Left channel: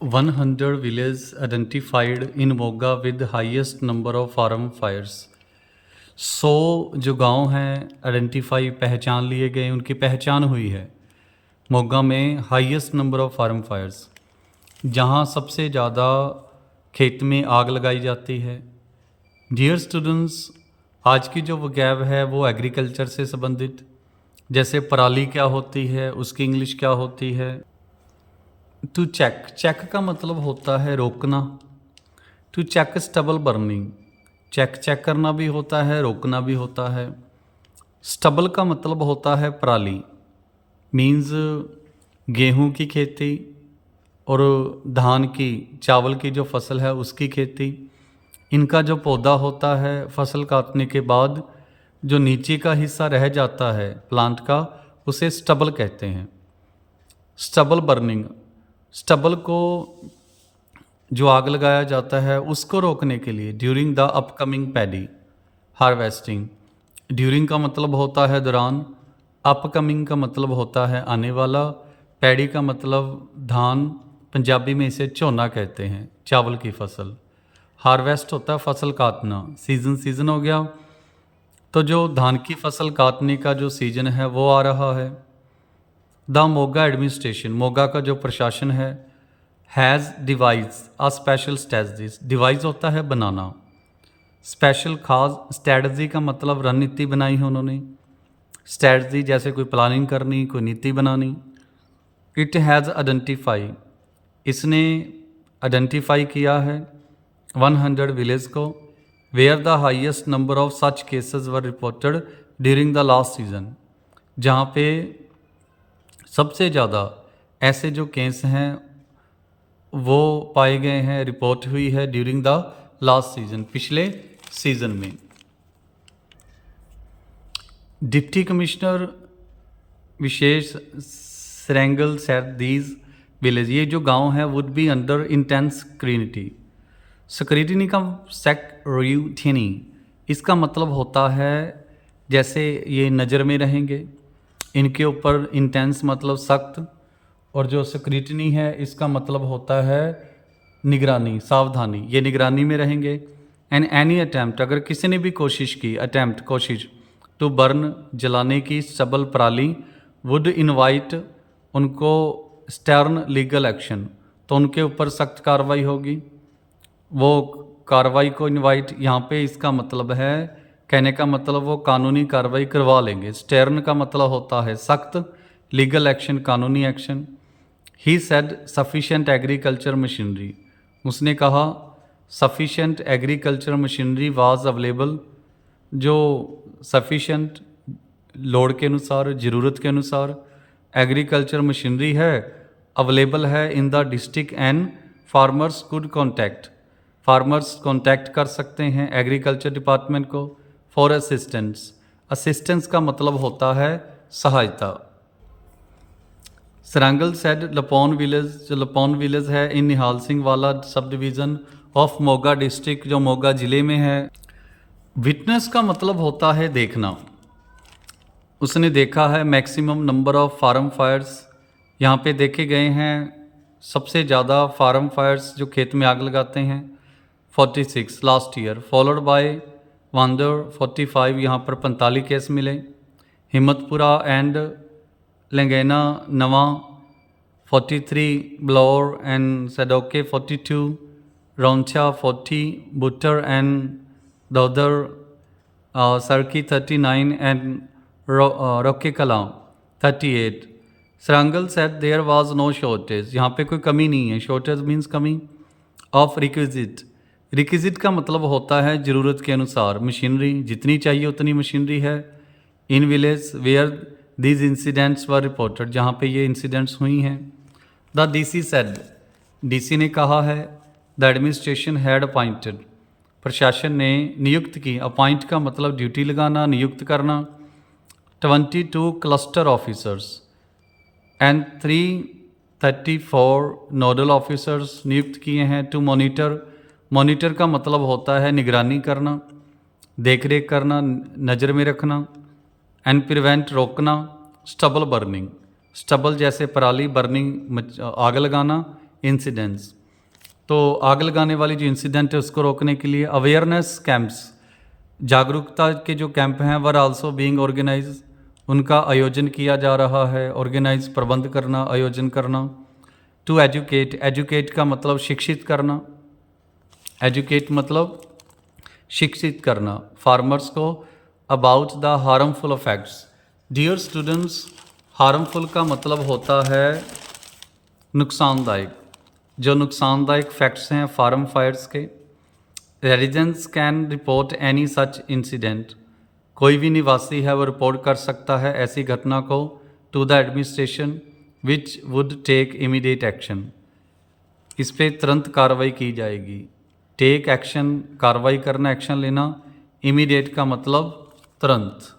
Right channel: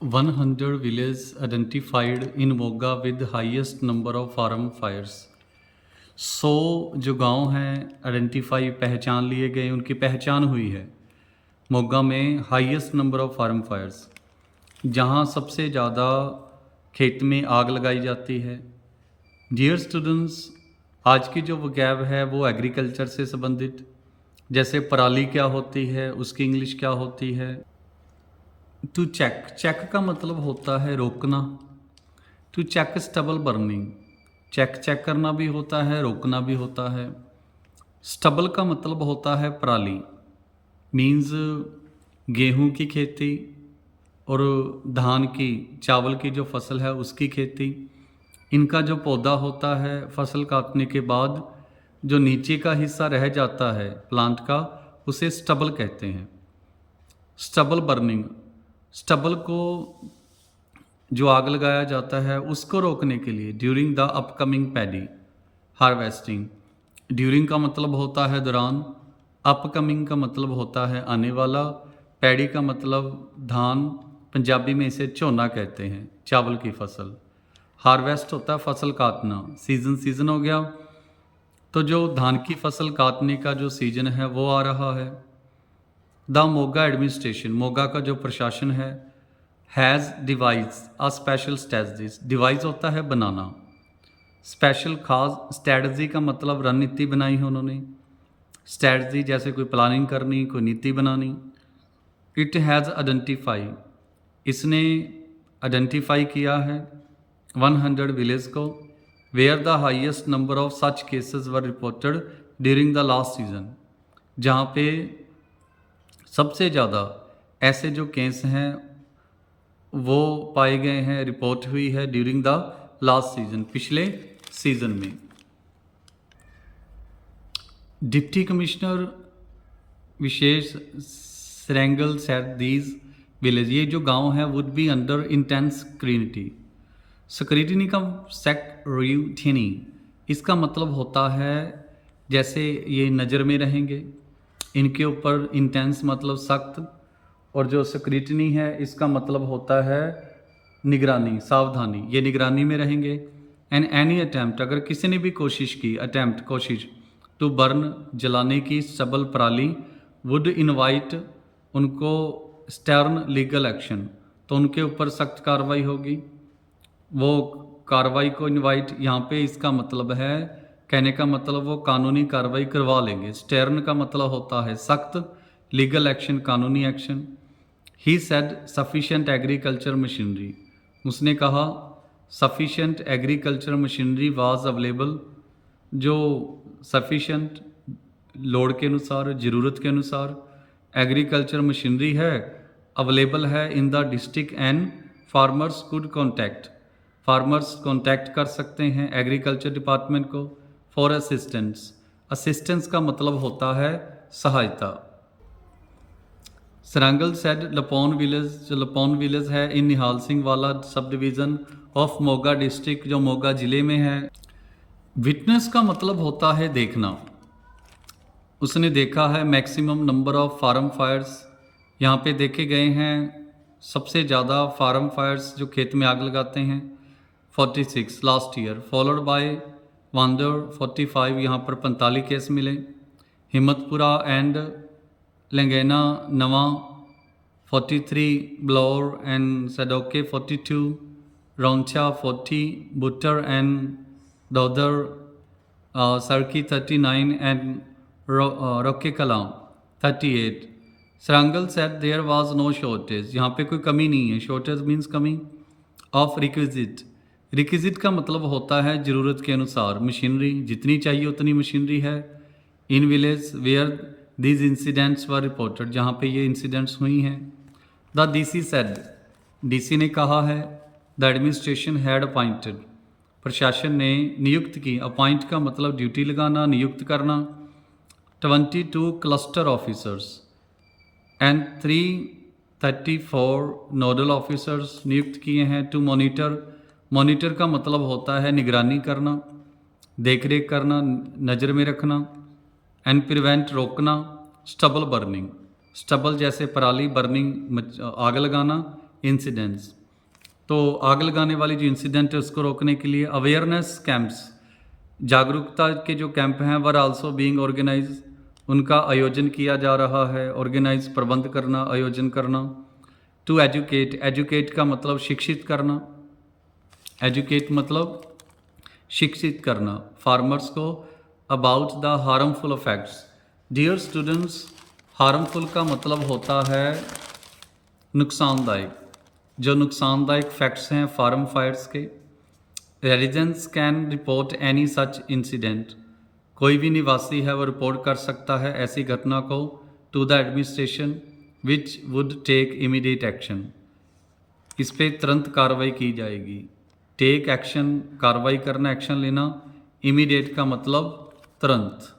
100 villages identified in Moga with highest number of farm fires। 100 जो गांव हैं identify पहचान लिए गए, उनकी पहचान हुई है मोगा में highest number of farm fires, जहां सबसे ज़्यादा खेत में आग लगाई जाती है। डियर स्टूडेंट्स, आज की जो वोकैब है वो एग्रीकल्चर से संबंधित, जैसे पराली क्या होती है, उसकी इंग्लिश क्या होती है। टू चेक, चेक का मतलब होता है रोकना। To check stubble burning, check check करना भी होता है, रोकना भी होता है। स्टबल का मतलब होता है पराली, मीन्स गेहूं की खेती और धान की, चावल की जो फसल है उसकी खेती। इनका जो पौधा होता है फसल काटने के बाद जो नीचे का हिस्सा रह जाता है प्लांट का, उसे स्टबल कहते हैं। स्टबल बर्निंग, स्टबल को जो आग लगाया जाता है उसको रोकने के लिए during the upcoming paddy harvesting. During का मतलब होता है दौरान, अपकमिंग का मतलब होता है आने वाला, पैडी का मतलब धान, पंजाबी में इसे झोना कहते हैं, चावल की फसल। हार्वेस्ट होता है फसल काटना, सीज़न हो गया, तो जो धान की फसल काटने का जो सीज़न है वो आ रहा है। द मोगा एडमिनिस्ट्रेशन, मोगा का जो प्रशासन है, has devise a special strategies, devise होता है बनाना, स्पेशल खास, स्ट्रेटजी का मतलब रणनीति बनाई है उन्होंने। स्ट्रेटजी जैसे कोई प्लानिंग करनी, कोई नीति बनानी। इट हैज़ आइडेंटिफाई, इसने आइडेंटिफाई किया है 100 विलेज को, where the highest number of such cases were reported during the last season, जहाँ पे सबसे ज़्यादा ऐसे जो केस हैं वो पाए गए हैं, रिपोर्ट हुई है ड्यूरिंग द लास्ट सीजन, पिछले सीजन में। Deputy commissioner Vishesh Sarangal said these village, ये जो गांव है would be under intense scrutiny. Scrutiny का सेक्यूरिटी, इसका मतलब होता है जैसे ये नज़र में रहेंगे, इनके ऊपर इंटेंस मतलब सख्त, और जो स्क्रूटनी है इसका मतलब होता है निगरानी, सावधानी, ये निगरानी में रहेंगे। एंड एनी अटैम्प्ट, अगर किसी ने भी कोशिश की, अटैम्प्ट कोशिश, टू बर्न जलाने की स्टबल पराली, वुड इनवाइट उनको स्टर्न लीगल एक्शन, तो उनके ऊपर सख्त कार्रवाई होगी। वो कार्रवाई को इनवाइट यहाँ पे इसका मतलब है, कहने का मतलब वो कानूनी कार्रवाई करवा लेंगे। स्टर्न का मतलब होता है सख्त, लीगल एक्शन कानूनी action. He said sufficient agriculture machinery, उसने कहा sufficient agriculture machinery was available, जो सफिशेंट लोड के अनुसार, ज़रूरत के अनुसार एग्रीकल्चर मशीनरी है, अवेलेबल है in the district, and farmers could contact, farmers contact कर सकते हैं एग्रीकल्चर डिपार्टमेंट को फॉर असिस्टेंस। असिस्टेंस का मतलब होता है सहायता। सरांगल सेड लपौन विलेज, जो लपौन विलेज है इन निहाल सिंह वाला sub division of Moga district, जो मोगा ज़िले में है। विटनेस का मतलब होता है देखना, उसने देखा है maximum number of farm fires, यहाँ पे देखे गए हैं सबसे ज़्यादा फार्म फायर्स जो खेत में आग लगाते हैं 46 लास्ट ईयर, फॉलोड बाय वांदर 45, यहाँ पर 45 केस मिले। हिम्मतपुरा एंड लंगैना नवा 43, ब्लौर एंड सडोके 42, रौंचा 40, बुटर एंड दौदर सरकी 39 and Roke Kalan 38। Sarangal said there was no shortage, यहाँ पे कोई कमी नहीं है। शॉर्टेज मीन्स कमी ऑफ रिक्विजिट, रिक्विजिट का मतलब होता है ज़रूरत के अनुसार, मशीनरी जितनी चाहिए उतनी मशीनरी है। In village where these incidents were reported, जहाँ पे ये इंसिडेंट्स हुई हैं। द डीसी सेड, डीसी ने कहा है द एडमिनिस्ट्रेशन हैड अपॉइंटेड, प्रशासन ने नियुक्त की, अपॉइंट का मतलब ड्यूटी लगाना, नियुक्त करना, 22 cluster officers and 334 nodal officers नियुक्त किए हैं। टू मॉनिटर, मॉनिटर का मतलब होता है निगरानी करना, देख रेख करना, नज़र में रखना। एंड प्रिवेंट रोकना स्टबल बर्निंग, स्टबल जैसे पराली, बर्निंग आग लगाना, इंसिडेंट्स। तो आग लगाने वाली जो इंसिडेंट है उसको रोकने के लिए अवेयरनेस कैंप्स, जागरूकता के जो कैंप हैं वर आल्सो बीइंग ऑर्गेनाइज, उनका आयोजन किया जा रहा है। ऑर्गेनाइज प्रबंध करना, आयोजन करना। टू एजुकेट, एजुकेट का मतलब शिक्षित करना, एजुकेट मतलब शिक्षित करना फार्मर्स को about the harmful effects. Dear students, harmful का मतलब होता है नुकसानदायक। जो नुकसानदायक फैक्ट्स हैं फार्म फायर्स के। Residents can report any such incident, कोई भी निवासी है वो रिपोर्ट कर सकता है ऐसी घटना को to the administration which would take immediate action, इस पे तुरंत कार्रवाई की जाएगी। टेक एक्शन कार्रवाई करना, एक्शन लेना। इमीडिएट का मतलब तुरंत।